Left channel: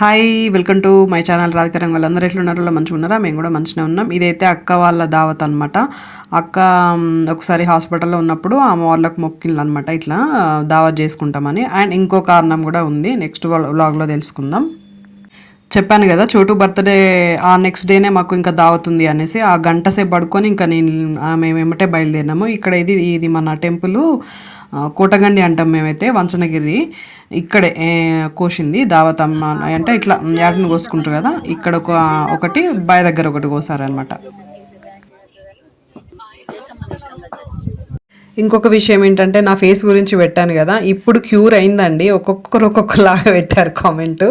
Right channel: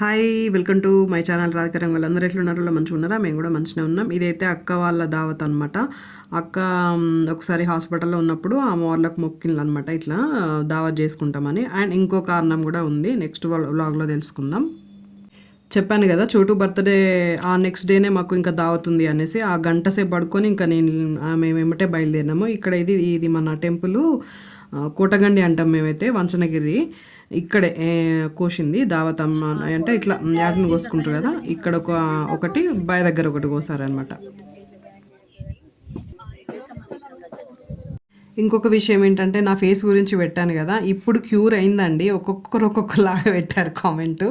Hi welcome to my channel రాధికరం వాళ్ళందరూ ఎట్లున్నారు? వాళ్ళు మంచిగా ఉన్నారా? మేము కూడా మంచిగా ఉన్నాం. ఇదైతే అక్క వాళ్ళ దావత్ అనమాట అక్క ఒకసారి హాస్పిటల్లో ఉన్నప్పుడు ఆమె వాళ్ళకు మొక్కిళ్ళు అనమాట ఇట్లా దావత్ చేసుకుంటామని. అండ్ ఇంకో కారణం కూడా ఉంది. నెక్స్ట్ వ్లాగ్లో తెలుసుకుందాం. చెప్పాను కదా చోటు బర్త్డే ఆ నెక్స్ట్ డేనే మాకు ఇంకా దావత్ ఉంది అనేసి ఆ గంట సేపు పడుకొని ఇంకా నేను మేము ఏమంటే బయలుదేరినాము. ఇక్కడ ఇది ఇది మన టెంపుల్. కోటగండి అంటాం మేమైతే వంచనగిరి ఇక్కడే కోసింది దావతమ్మ అంటే ఇట్లా యాటను కోసుకుంటారు కదా ఇక్కడ ఒక ఒకటి బాయ్ దగ్గర ఒకటి కోసారనమాట ఇంకొక విషయం ఏంటంటే నా ఫేస్ గురించి పెట్టాను కదా ఇప్పుడు క్యూర్ అయిందండి. ఒక్కొక్కరు ఒక్కొక్కలాగా పెట్టారు కామెంట్.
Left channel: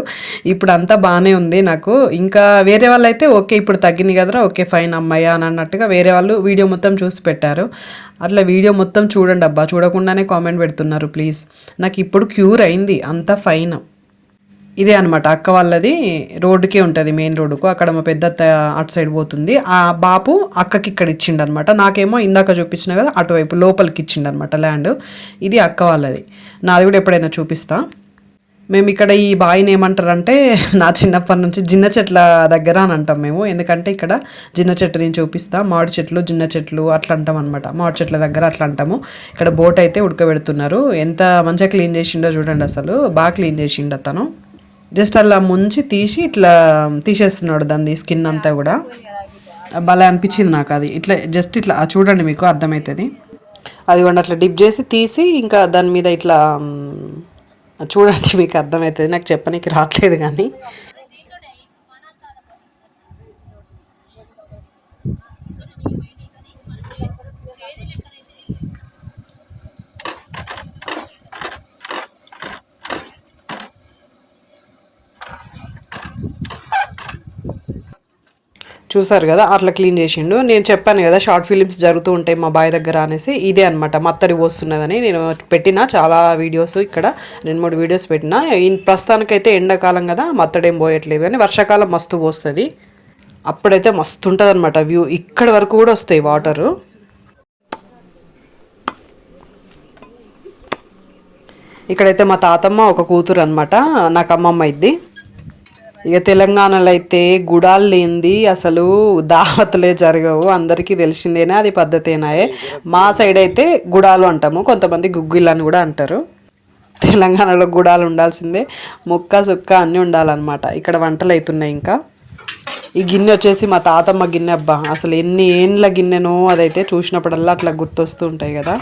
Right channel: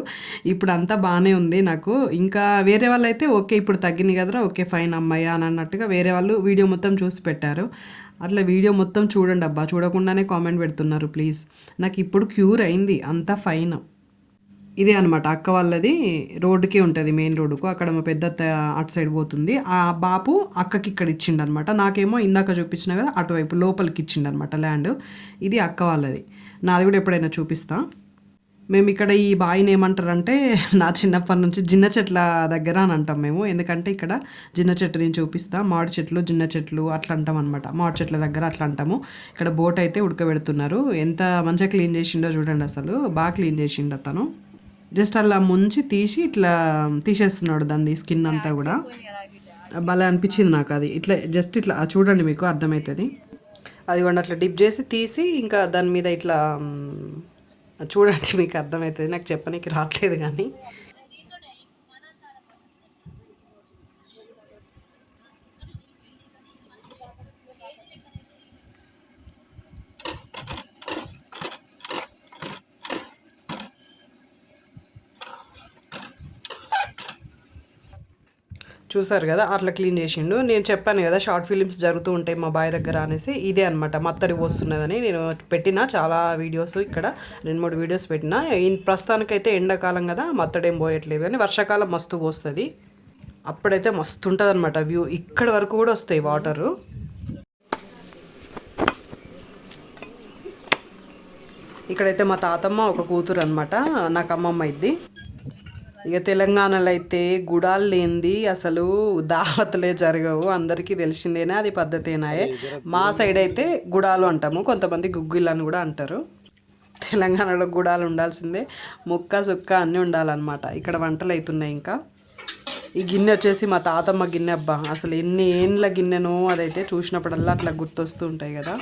ఇప్పుడు అంతా బాగానే ఉంది నాకు. ఇంకా వేరే వాళ్ళు అయితే ఓకే ఇప్పుడు తగ్గింది కదరా ఓకే ఫైన్ అమ్మాయి అని అన్నట్టుగా వేరే వాళ్ళు వీడియో మొత్తం చూసి పెట్టారు. అట్లా వీడియో మొత్తం చూడండి అబ్బా చూడకుండానే కామెంట్ పెడుతున్నారు ప్లీజ్. నాకు ఇప్పుడు క్యూర్ అయింది అంతా ఫైన్. ఇదే అనమాట అక్క వాళ్ళది రోడ్డుకే ఉంటుంది మెయిన్ రోడ్డుకు. అక్కడ మా పెద్ద అటు సైడ్ పోతుంది. ఆ బాపు అక్కకి ఇక్కడ ఇచ్చిండు అనమాట నాకేమో ఇందాక చూపించిన కదా అటువైపు లోపలికి ఇచ్చిండు అనమాట ల్యాండ్ ఇది అక్క వాళ్ళది. నాది కూడా ఎప్పుడైనా చూపిస్తా. మేము ఇక్కడ ఈ బావిని ఏమంటారంటే నా చిన్నప్పటి నుంచి జిన్న చెట్ల దగ్గర అని అంటాం మేము. ఎందుకంటే ఇక్కడ జిన్న చెట్టు నేను చూపిస్తా. మామిడి చెట్లు జిన్న చెట్లు అట్లా అంటాం అనమాట మామిడి చెట్ల దగ్గర అట్లా అంటాము. ఇక్కడ బోట్ అయితే ఉడకబెడుతున్నారు. ఎంత మంచిగా క్లీన్ చేసిండో చూడండి అసలు. బాగా క్లీన్ చేసిండు అతను. జస్ట్ అలా ముంచి తీసి ఇట్లా తీసేస్తున్నాడు దాన్ని స్కిన్ అంతా కూడా. భలే అనిపించింది నాకు అది. ఇట్లా జస్ట్ ఇట్లా చూడండి మీకు అర్థమవుతుంది అది కూడా అట్లా డిప్ చేసి తీసి ఇంకా దాని మీద ఇట్లా చూడండి మీకు అర్థమవుతుంది నాకు చెప్పనీకి రావట్లేదు కానీ. చూసారు కదా అట్లా క్లీన్ చేసిండు. నేను చెప్పాను కదా షార్ట్ ఫిలిమ్స్ జరుగుతూ ఉంటాయి మా బాయ్ దగ్గర అనేసి. ఇదే అనమాట మత్తడి వస్తున్నదని. నేను పెట్టిన చాలా వీడియోస్ ఇక్కడ రెండు మూడు వీడియోస్ పెట్టిన. ప్రస్తుతానికైతే ఎండాకాలం కదా మత్తడేం పోయట్లేదు కానీ వర్షాకాలం మస్తు పోస్తుంది. అప్పుడైతే మస్తు ఉంటుంది అనమాట వ్యూ. ఇక్కడ వరకు కూడా వస్తాయి వాటరు. ఇక్కడైతే మా తాతమ్మ ఒక కూతురు అనమాట నాకు అమ్మమ్మ ఇద్ది. ఇక తెలంగాణలో అయితే గుడాలు లేనిది అసలు దావతలే జరగవు. అందరికీ తెలిసిందేనా? అది పద్ధతేనాయే మా సైడ్ అయితే గుడాలు అంటాము. కొంతమంది గుగ్గిళ్ళు అని కూడా అంటారు. తెలంగాణలో గుడాలు ఉండాల్సిందే. ముక్క సుక్క అన్నీ ఉండాలన్నమాట. ఇక్కడ వంటలు అవుతున్నాయి ఇంకా. ఈ గిన్నె వచ్చేసి మా తాతమ్మ గిన్నె అబ్బా. అసలు ఎన్ని ఏండ్ల గిన్నెనో అదైతే చూసినప్పుడల్లా అట్లా గుర్తొస్తూ ఉంటాయి కదా.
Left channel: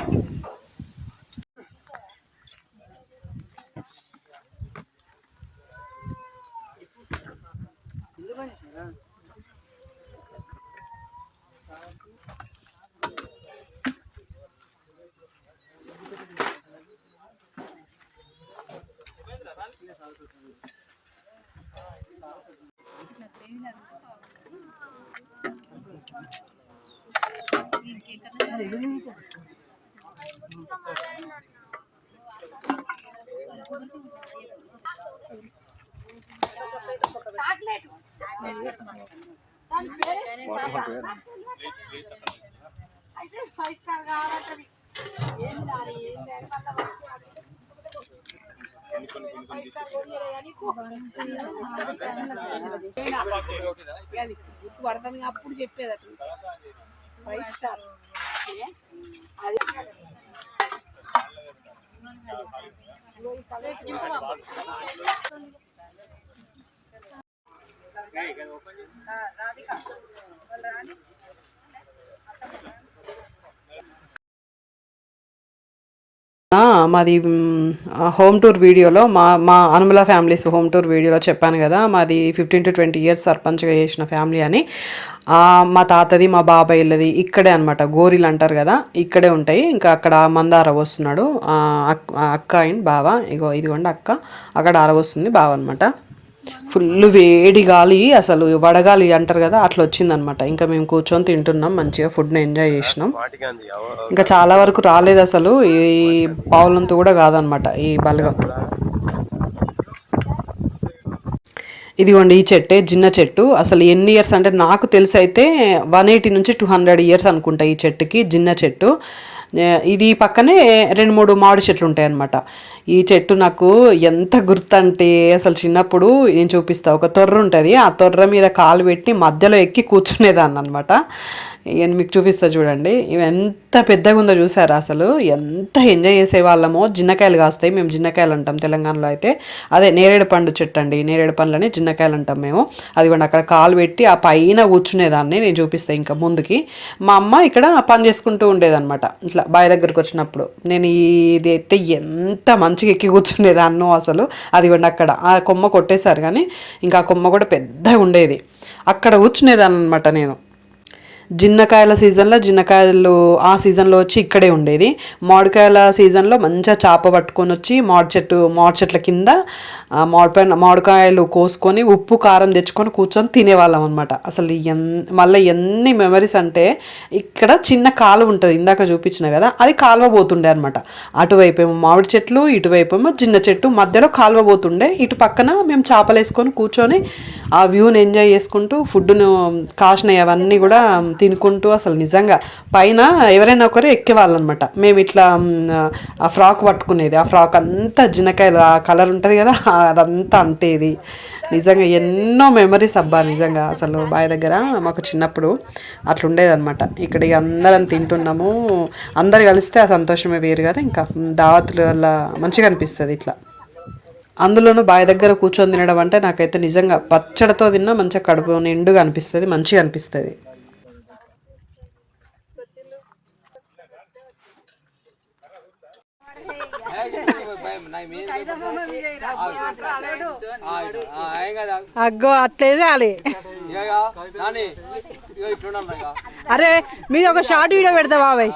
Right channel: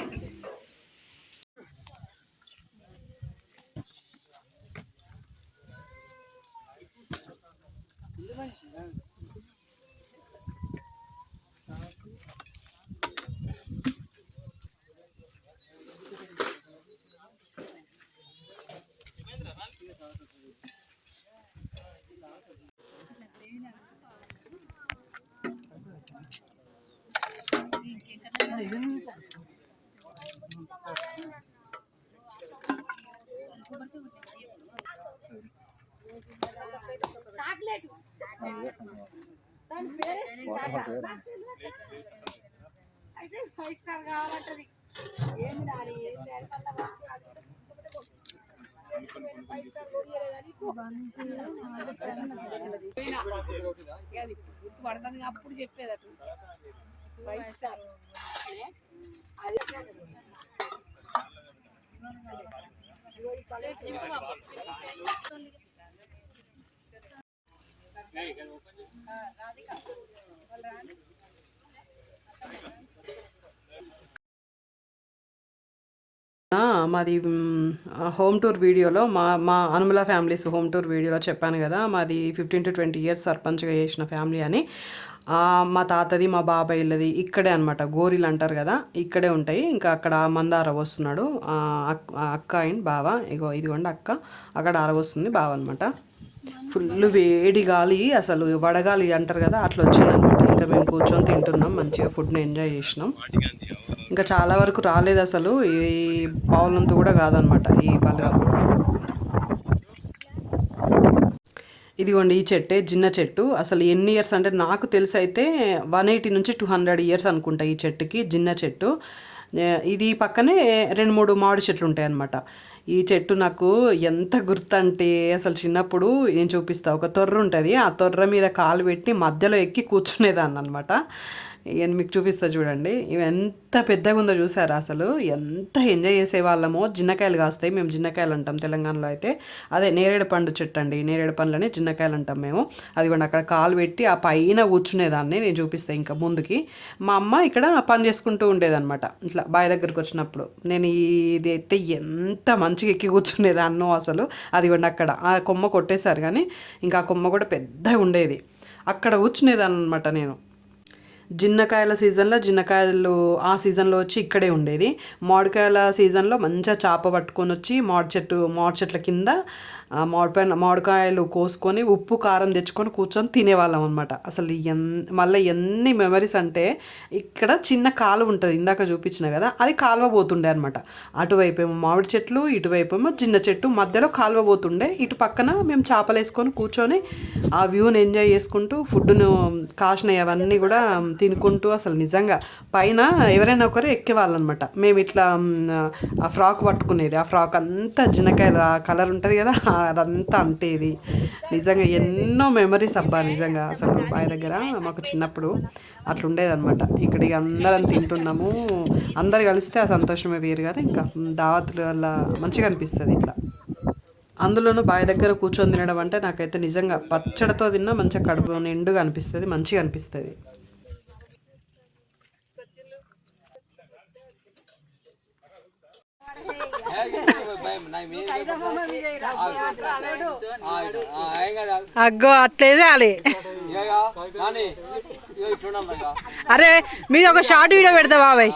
ఇంకేంటే అది గుర్తు పడుతుంది అప్పుడు చెప్పేది అటు ఫైవ్ స్టార్ అది మాది హోమ్ టూర్ వీడియోలో మా మా అనుమల ఫ్యామిలీస్ హోమ్ టూర్ వీడియోలో చెప్పాను కదా మాది ఫిఫ్టీన్ టు ట్వంటీ ఇయర్స్ సర్పంచ్గా చేసిన ఫ్యామిలీ అని. మా తాతది మా బాబాయిలది ఇక్కడే అనమాట గోరీలు అంటారు కదా ఇక్కడే ఉంటాయి. ఇంకా అక్కడ మంద అరవస్తున్నాడు ఆ, అక్- అక్క అండ్ బావ ఇగో ఇదిగోండి అక్క అక్కడ అరవస్తుంది బావ అనమాట ఫుల్ వేడి గాలి అసలు వడగాలి అంటారు కదా అట్లా వచ్చిందనమాట. ఇంకా మేము కూర్చొని తింటున్నాం మంచిగా ఫుడ్ని ఎంజాయ్ చేసినాం. ఇంకా చాలా వరకు రాలేదు అసలు ఈ పావులంతా కూడా కాదనమాట ఈ బలగం. ఇదిగోండి ఈ చెట్టే జిన్న చెట్టు. అసలు ఎన్ని ఇయర్స్ అంటే నాకు తెలిసి అయితే వన్ ఎయిటీ నుంచి టూ హండ్రెడ్ ఇయర్స్ అనుకుంటా ఈ చెట్టుకి జిన్న చెట్టు. ఇది పక్కనే రెండు మూడు మామిడి చెట్లు ఉంటాయి అన్నమాట ఈ చెట్టు నాకు ఎంత గుర్తంటే అసలు చిన్నప్పుడు నేను చూపిస్తా ఒక తొర్ర ఉంటుంది. ఆ తొర్ర మీద కాలు పెట్టి మధ్యలో ఎక్కి కూర్చునేదాన్ని అనమాట ఇక మీకు చూపిస్తా చూడండి. ఇవి ఎంత పెద్దగా ఉందో చూసారా అసలు? ఎంత ఎంజాయ్ చేసేవాళ్ళమో జిన్నకాయలు కాస్తాయి. మేము జిన్నకాయలు అంటాం తెలంగాణలో అయితే. అదే నేరేడు పండు చెట్టు అండి. నేరేడు పండ్లని జిన్నకాయలు అంటాం మేము. అది కూడా అక్కడ కాలు పెట్టి ఆ పైన కూర్చునేదాన్ని. నేను చూపిస్తాను ఇంకా ముందుకి. మా అమ్మ ఇక్కడ పని చేసుకుంటూ ఉండేదన్నమాట. ఇట్లా బావి దగ్గరికి వచ్చినప్పుడు. నేను ఇది అయితే ఎంత మంచిగా ఎక్కి కూర్చునేదాన్నో అసలు. అది కూడా అక్కడ. ఆ కొమ్మ కొట్టేశారు కానీ ఇంకా ఆ కొమ్మ కూడా పెద్దగా ఉండేది. అక్కడ కూర్చునేదాన్ని అనమాట నేను. జిన్నకాయల సీజన్లో జిన్నకాయలు ఆ సీజన్లో వచ్చి ఇక్కడే ఉండేది. మామిడికాయల సీజన్లో మంచిగా చేప పట్టుకొని వచ్చి మామిడి చెట్టు మామిడి చెట్ల కింద మామిడిపైన మామిడికాయలు కోసుకొని ఉప్పు కారం తెచ్చుకొని కూర్చొని తినేవాళ్ళం అనమాట అసలు ఎన్ మళ్ళీ ఎన్ని మెమరీస్ అంటే ఇక్కడ చిన్న కాలువ ఉంటుంది ఇందాక చూపించిన కదా అది కాలువ పోతుండే అనమాట అటువైపు ఏమో మామిడి చెట్లు ఇటువైపు ఏమో చిన్న చెట్టు మధ్యలో కాలువ పోతుండే ఇటు పక్కన మేము చేపలు వేసుకొని కూర్చొని ఆ వ్యూని ఎంజాయ్ చేసుకుంటూ ఫుడ్ను కాసినవి అవన్నీ కూడా తినుకుంటూ అసలు నిజంగా పైన ఎవరైనా ఒకరు ఎక్కేవాళ్ళు అనమాట మేము ఇట్లా ఆ ఫ్రాక్ పట్టుకునేది ఆ ఫ్రాక్ అంతా జిన్నకాయలు ఆ కలర్ ఉంటుంది కదా అదంతా అంటేది. నిజంగా ఎన్నో మెమరీస్ అబ్బా నిజంగా. అసలు బావి దగ్గర మాకు చిన్నప్పుడు అట్లా ఉండేదన్నమాట ఇక్కడ ఇక అందరం తింటున్నాము. అందరు కలిస్తే ఆ సంతోషమే వేరు కదా ఇంకా. దావతుల వల్ల మంచిగా అనిపిస్తుంది ఇట్లా. అందులోనూ బావి దగ్గర కూర్చొని తినడం అంటే నాకైతే నిజంగా పచ్చడితో తిన్నా మంచిగా కడుపు నిండుగా అనిపిస్తుంది మంచిగా అనిపిస్తుంది. అగ్గో అట్లే చేయాలి. అరే మీది ఒక షార్ట్ వీడియో పెడతా బాబాయ్.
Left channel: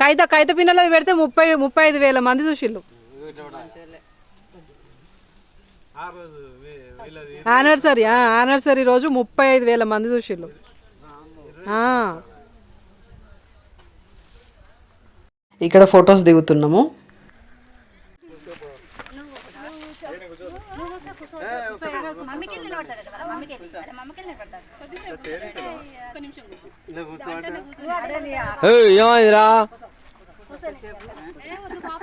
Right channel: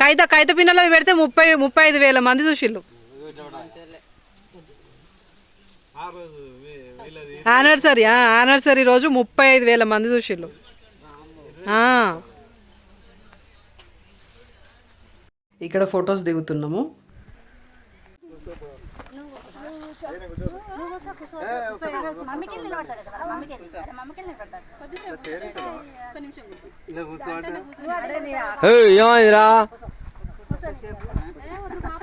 కైత కైత పిన్నలది పెడితే ముప్పై ముప్పై ఐదు వేల మంది చూసిళ్ళు. యానివర్సరీ యానివర్సరీ రోజు ముప్పై ఐదు వేల మంది చూసిళ్ళు. ఆ. ఇక్కడ ఫొటోస్ దిగుతున్నాము. ఏమైందిరా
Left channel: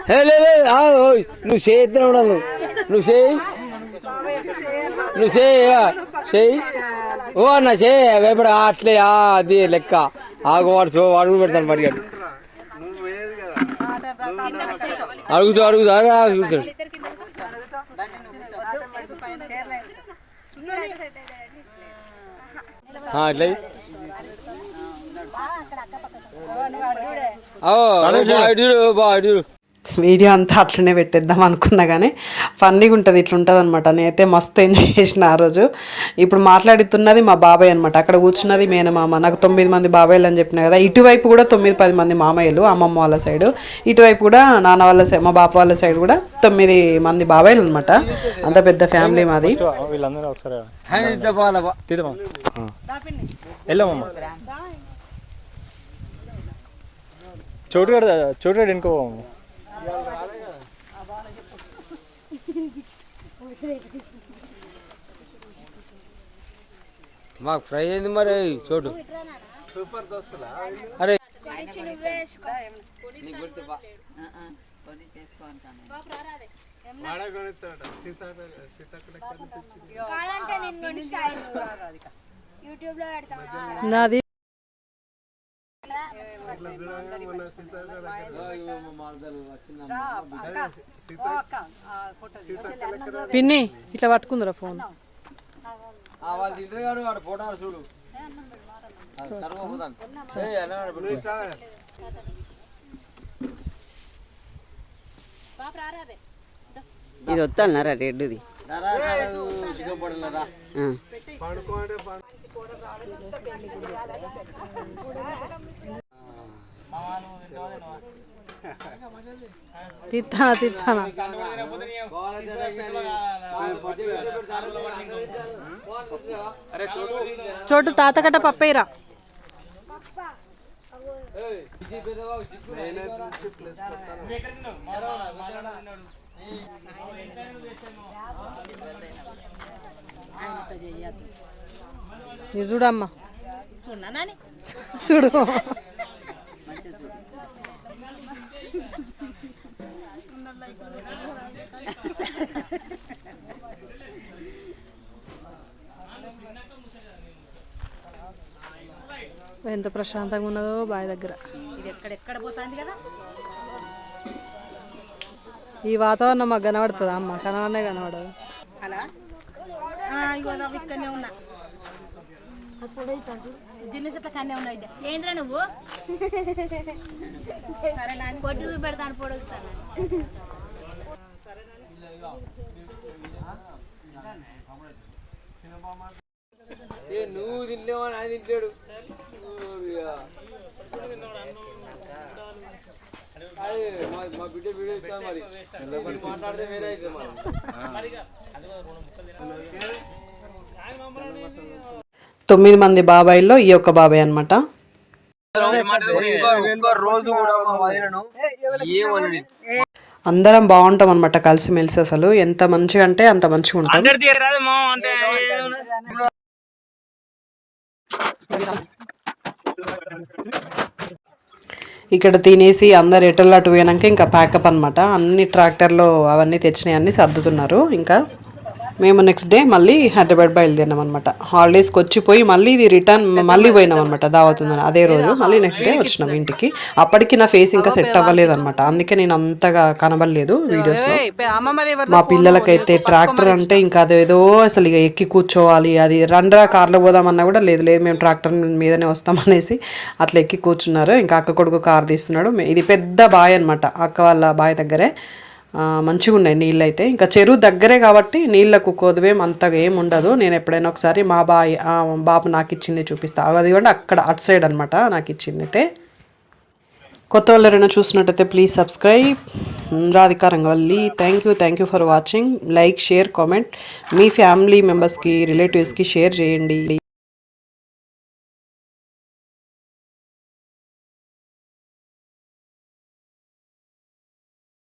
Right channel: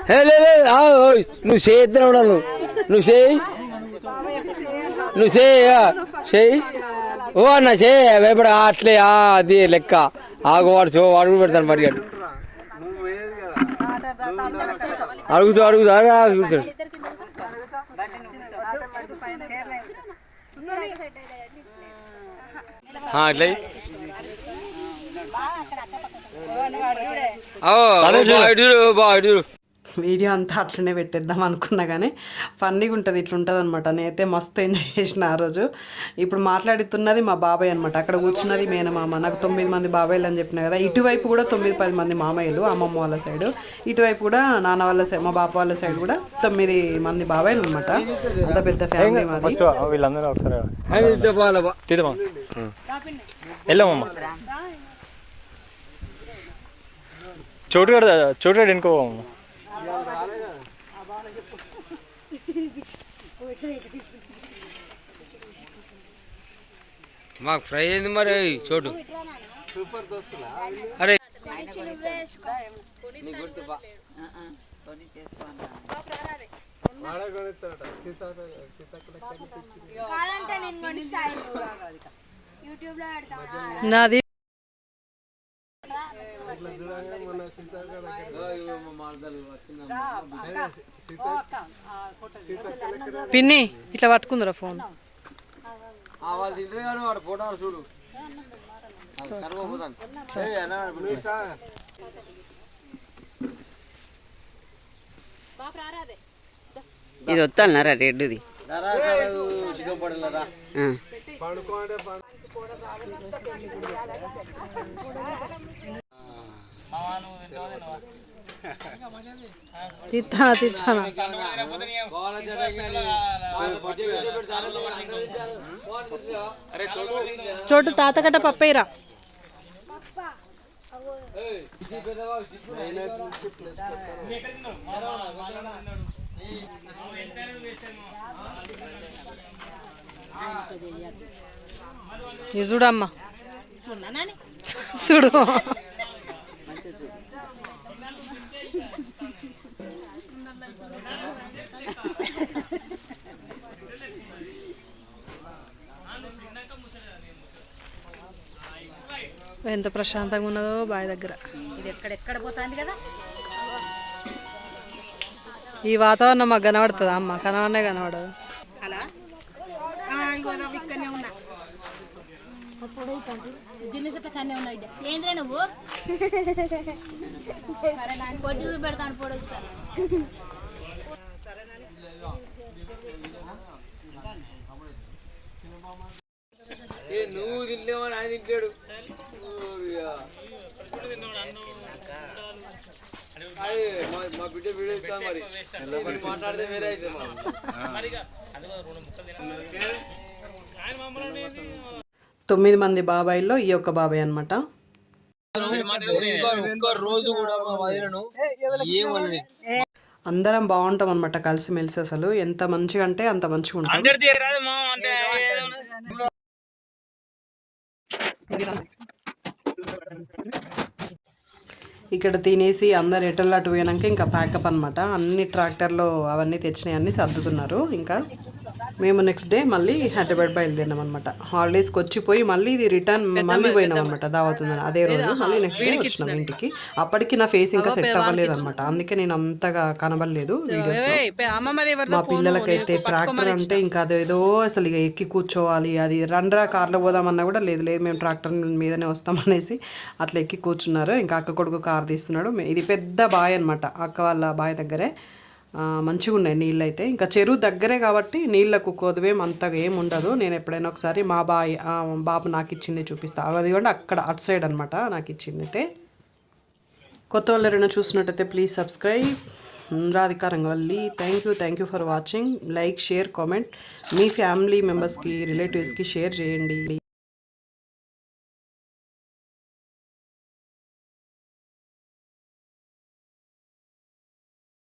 హే లే లే, ఆ, ఓయ్, నువ్వు చేద్దాం నువ్వు నువ్వు చేయి నువ్వు చేయి చేయి ఓ అన్న చేయి వేపడ అట్లే ఆ, అది లెక్క ఆగు వాడు చూ కూడా పెడతాను మరి. అడుగుతూ అడుగుతూ అడుగు ఆ, అట్లా చూడు. బాగా చూడు. వీడియో అంతా అట్లనే పెట్టేద్దాం అనుకున్నా కానీ ఫన్నీగా ఉంటుంది ఇట్లా ఉంటుంది అనమాట నేనైతే మస్తు ఎంజాయ్ చేసిన ఆ రోజు. ఇప్పుడు మాట్లాడుతున్నది మా బాబాయ్ అనమాట అక్కడ కూర్చున్నది మేనమామ నాకు తొమ్మిది మంది బాబాయ్లు అని చెప్పిన కదా. ఇటువైపు కూడా తొమ్మిది పది మంది మామయ్యలు అమ్మమ్మ వాళ్ళ సైడు. ఇటువైపు కూడా నాన్న వాళ్ళ సైడ్ మా బాప వాళ్ళ సైడ్ కూడా తొమ్మిది మంది బాబాయ్లు అనమాట అంత పెద్ద ఫ్యామిలీ మాది. వీళ్ళందరూ ఒకసారి అని మాకు ఫ్రై అయింది మరి చోటు. అరే. గుర్తు నాది పిన్ని ఇట్లా పట్టుకుందిరా ఫోన్. చూడు ఇది వస్తానరా రెడ్డిది? సిగ్గుపడలేరా? తిత్తా తిత్తానా? చోటు తాతకట్ట పప్పయ్యరా ఇది చూడమ్మా. చూడు. ఎంత ప్రశాంతంగా ఉన్నదో బావి దగ్గర. ఈ వాతావరణం మాకు కనబడుతుందా అమ్మ? కనబడనే కనబడదు. అలా? ఇక్కడనే ఉన్నా. జిన్న చెట్ల కన్నే ఉన్నాయి. ఏంద్రా నువ్వు? పొట్టి చూసి పెడతాను పొడుగు ఏ నువ్వు తింటేమని ఆయన తింటాడు మా మా బిడ్డ వీడియో ఇస్తాను మరి. మరి మాట్లాడితే వేరే అయితే మరి తొమ్మిది మంది బాబాయిల్లో ఈ ఒక్క బాబాయ్ అనమాట అందరం బాగుంటాం అనమాట కలిసిమెలిసి అసలు. ఎంత మంచిగా అంటే అంత మంచిగా ఉంటాం. ఇక్కడ తినేసి అందరు ఎటల్ అటు పోయినాక ఇంకా ప్యాకప్ అనమాట అన్ని ట్రాక్టర్లో అవన్నీ తెచ్చినాయి అన్ని సర్దుతున్నారు. ఇంకా మేము నెక్స్ట్ డే మళ్ళీ హైదరాబాద్ బయలుదేరినాం అనమాట హాలిడేస్కి వచ్చిపోయి మళ్ళీ ఇది రిటర్న్ మళ్ళీ పోయినాం అనమాట దావతుందని అదే రోజు మళ్ళీ నెక్స్ట్ డే వచ్చినాం ఇంటికి. అప్పటికి నా ఫేస్ ఇంకా సెట్ అవ్వలేదు అనమాట అందుకే నేను అంతగా కనబడలేదు వీడియోస్లో మా పిల్లలకైతే ట్రాక్టర్ అంటే ఇంకా అదేదో అసలు ఇక ఎక్కి కూర్చోవాలి అది రండ్రా కార్లో పోదామన్నా కూడా లేదు లేదు మేము ట్రాక్టర్ మీదనే వస్తామనేసి అట్లా ఎక్కి కూర్చున్నారు. ఇంకా అక్క కొడుకు కార్ తీస్తున్నాడు. ఇది పెద్ద బాయ్ అనమాట అక్క వాళ్ళ బాయ్ దగ్గరే. మంచిగా ఉన్నాయి నీళ్ళు అయితే ఇంకా చెరువు దగ్గరే కాబట్టి నీళ్ళకు కొదవేం అంతగా ఏం ఉండదు. నేను ఎప్పుడైనా ఒకసారి మా బాయ్ బాబు నాకు ఇచ్చింది చూపిస్తా. అది కూడా అక్కడ అటు సైడ్ అనమాట నాకు ఇచ్చింది అయితే కొత్త వాళ్ళు ఎవరైనా చూసినట్టయితే please subscribe. Radhika Rangavalli thank you thank you for watching like share comment. Me family మెంబర్స్కి రిలేటివ్స్కి షేర్ చేయండి.